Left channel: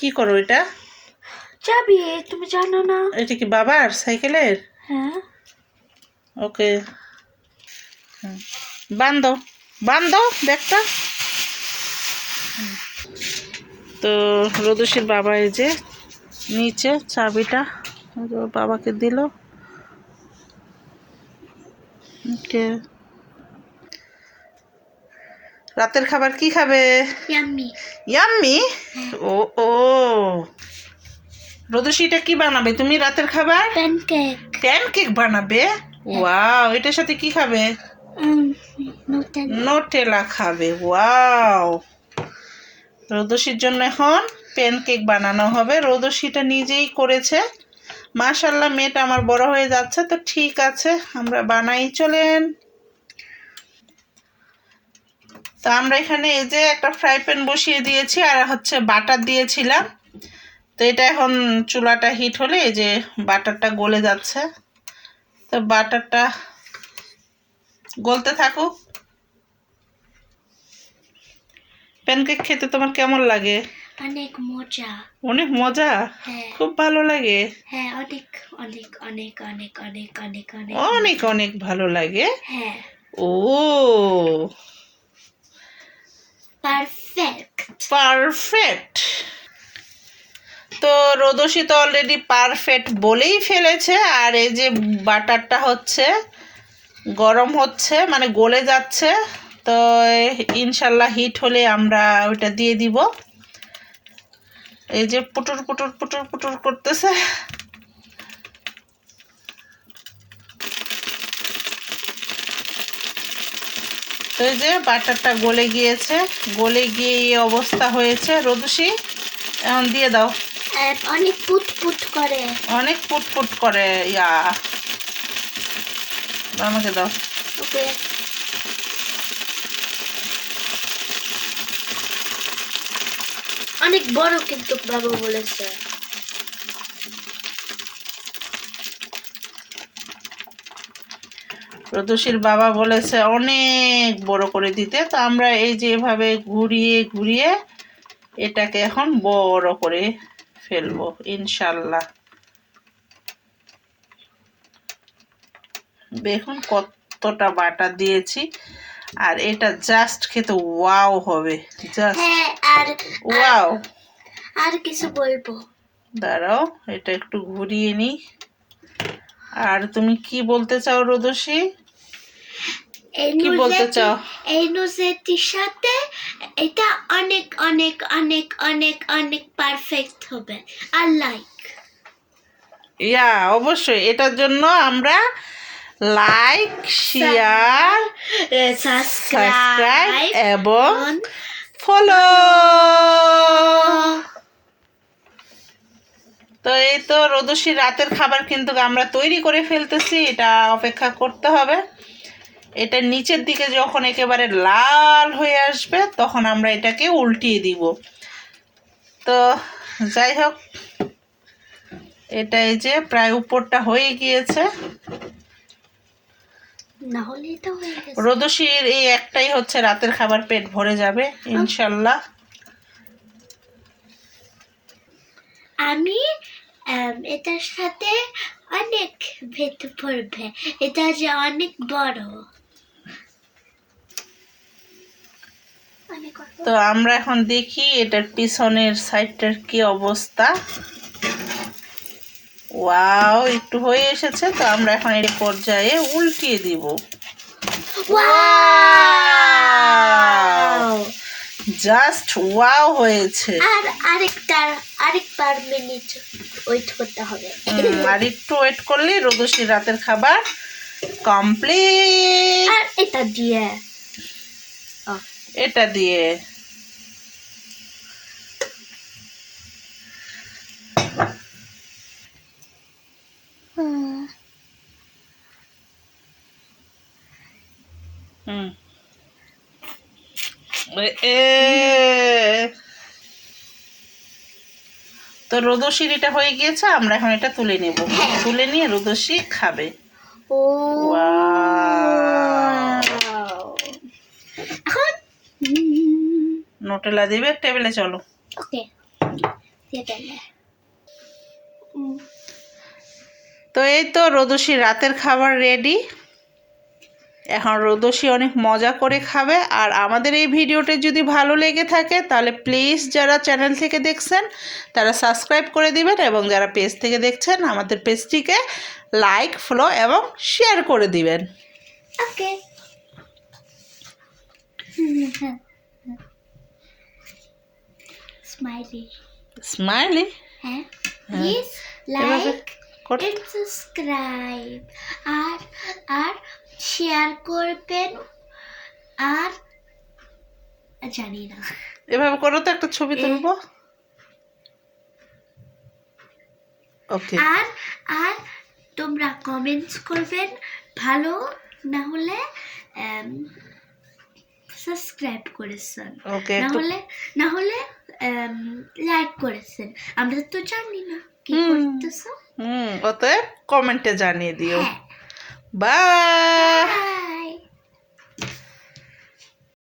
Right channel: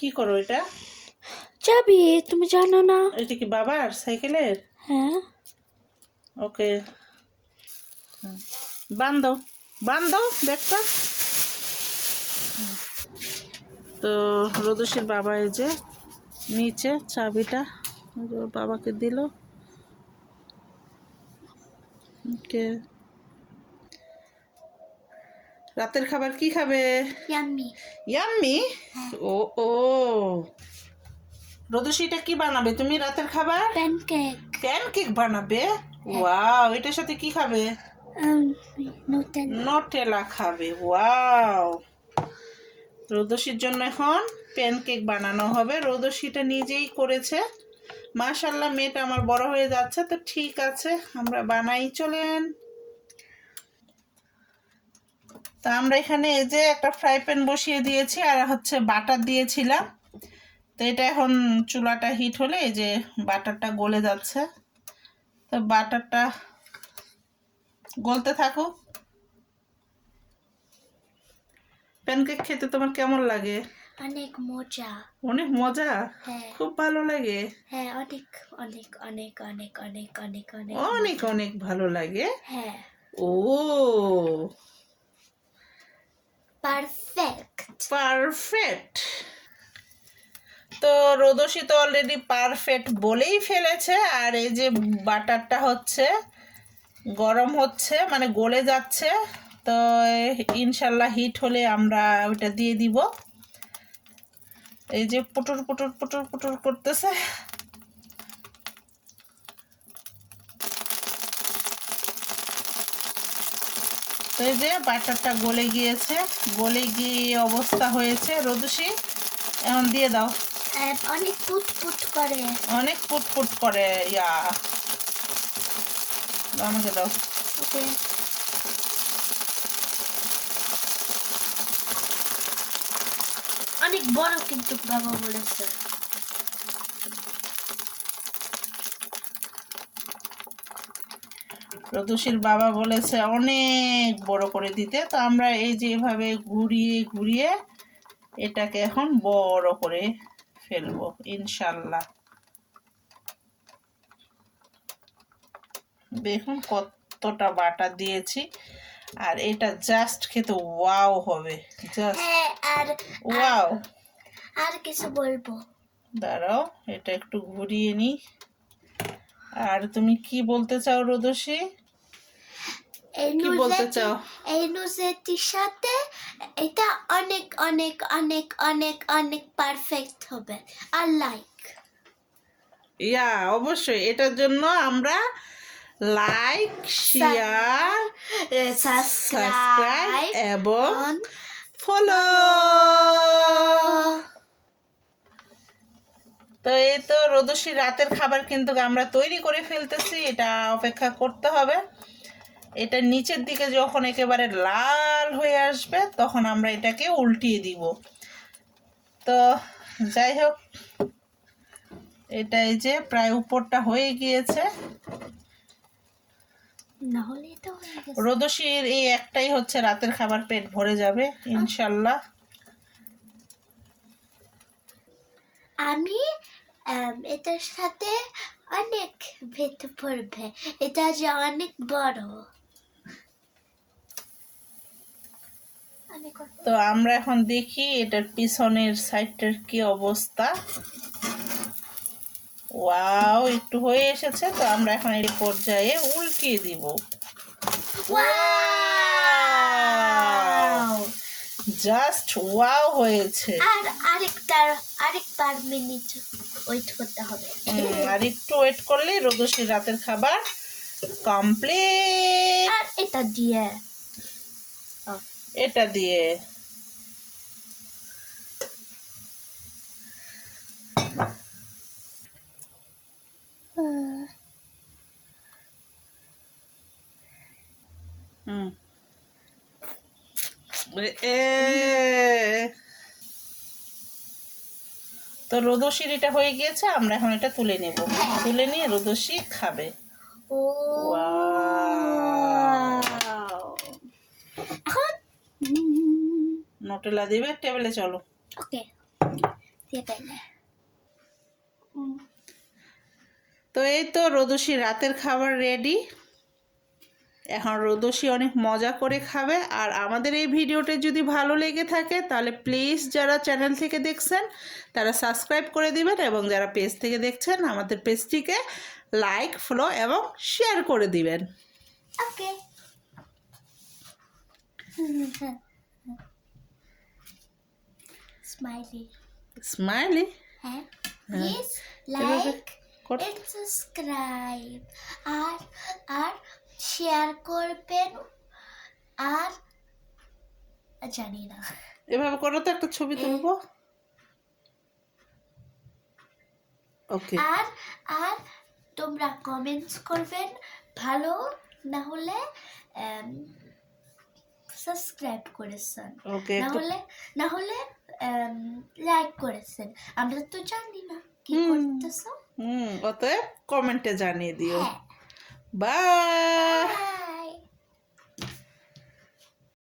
কি করো এটা? চাবি তুমি জানো না। এটা কি বাবার সাইকেলের? হ্যাঁ। ওকে। বান্ধো বান্ধো ব্যাগটা। তো রদুষির বাবা এই যে নিচে চাবিটা বাবাকে দিল। ওকে। রাতের খাবার কি খাবে? ইয়াম্মি ইয়াম্মি ও ও। রদুষিটা কি বানাবে? তুমি রাতের খাবার? প্যানকেক প্যানকেক বানাবে? ওয়াও এটার সাথে কি খাবে? নোটেলা খাবে ওয়াও রোদসির জন্য এখন প্যানকেক বানানো হবে। রোদসিটা নিজেই করেছে। মাশাল্লাহ মেয়েটা আমার বড় হয়ে যাচ্ছে তো ঠিক আছে আমরা বানাই চলেন। তো আমরা এখানে এই যে একটা ফ্রাই প্যান বসিয়ে দিয়েছি আর হচ্ছে বাটার দিয়েছিলাম। তো এটা এখন চুলাটা হিট হলে এই যে বাটারটা গলে যাচ্ছে। তো বাটারটা গলতে থাকুক। প্যানকেক খেতে তোমার কেমন লাগে? অনেক মজা। অনেক মজা? হ্যাঁ। খুব ভালো লাগে? হ্যাঁ অনেক অনেক অনেক অনেক অনেক অনেক অনেক। অনেক অনেক ভালো লাগে? হ্যাঁ। ও। পারফেক্ট পারফেক্ট তো রোদসি তো অলরেডি পারফেক্ট বলেই ফেলেছে, আর এই যে বাটারটা হচ্ছে, গরম হচ্ছে মানে গলে যাচ্ছে, তো ইনশাল্লাহ হিট হলে আমরা ওইটা দিয়ে দিব। এই যে পুটুর পুটুর পুটুর পুটুর করতেছে। তো এই যে বাটারটা গলে গিয়েছে গলে গিয়ে এই অবস্থা হয়েছে। রোদসি এখন দিয়ে দাও। অনেক পুট পুট করে। অনেক পুটপুট করে ইয়া। আমাকে দাও। ওকে। অনেক বড় কিন্তু বাবা বলেছে। রদসির বাবা বলেছে অনেক বড় করে দিতে। তো আমরা এই যে এভাবে ঘুরিয়ে ঘুরিয়ে এটাকে এখন বড় করে ফেলব ইনশাল্লাহ। দেখুন কতটা বাটা দিয়েছি। আর এটা জাস্ট খেতে ওয়াও হবে জাস্ট হ্যাঁ আর ওয়াও। আর কিছু বলব? দাঁড়াও এটা একটু ঘুরিয়ে নি আর তুমি কি বলতে চাও রোদসী কি বলতে চাও? এই নুজেটির সাথে এটা অনেক অনেক অনেক অনেক অনেক পারফেক্ট হবে। আর লাইক ইয়া অবশ্যই। এটার জন্য আমরা লাইক শেয়ার সাবস্ক্রাইব সাবস্ক্রাইব এবং ফলো তো এই তো রোদসী রাতের খাবার কিন্তু আমরা তৈরি করে ফেলতেছি। এটা অপেক্ষা করতে হবে। এটা নিচের দিকে যখন একেবারে লাল হয়ে আসবে তখন আমরা এটাকে উল্টিয়ে দিব। তো যাই হোক এটা এই যে প্রায় উপরটা হয়ে গিয়েছে। রোদসির এই একটাই হচ্ছে রাতের খাবার পেট ভরে যাবে ইনশাল্লাহ। আমি এটার সাথে অনেক ভেতর পড়বে এটা যে অনেক বড় অনেক বড়। তো আমরা এখন দেখি এটার পিছনের সাইডটার কি অবস্থা। ওয়াও একটু হয়ে এসেছে তো আমরা এখন এই পর্যায়ে উল্টিয়ে দিব! জাস্ট ওয়াও হয়েছে। আর আরেকটা আরেকবার মিনিট ওয়েট করতে হবে। আর একটু ওয়েট করলে রোদসির রাতের খাবার কমপ্লিট। আর এটা দিয়ে এটা দিয়ে। তো রোদসির এটা হয়ে গিয়েছে আমরা এখন এটা তুলে নেব। তুলে নিয়ে রোদসি খাবে। ও Wow! এখন নোটেলা দেবে টেবিলে চলো। ওকে। তো এই তো রোদসী রাতের খাবার রেডি এখন রোদসী অনেক মজা করে খাবে। আর আমাদের এই ভিডিওটি যদি ভালো লেগে থাকে তাহলে প্লিজ যারা চ্যানেল থেকে দেখছেন তারা সাবস্ক্রাইব করে দিবেন এবং যারা পেজ থেকে দেখছেন আমাদের পেজটিকে লাইক ফলো এবং শেয়ার করে দিবেন। ওকে। স্মাইলি স্মাইলি হ্যাঁ প্লিজ লাইক এন্ড সাবস্ক্রাইব আর আর শেয়ার করবেন আর জানি না। এভাবে করো তো একটা ছবি তুলবো? ওকে আর আর তোমরা কমেন্টস করবেন। ভালো না হলে সাবস্ক্রাইব করেছেন। ওকে না হলে না হলে লাইক করেছেন। আমরা তো জানি না কি। করতেছো? হুম অতএব কমেন্টে জানিয়ে দিও। হ্যাঁ। বাই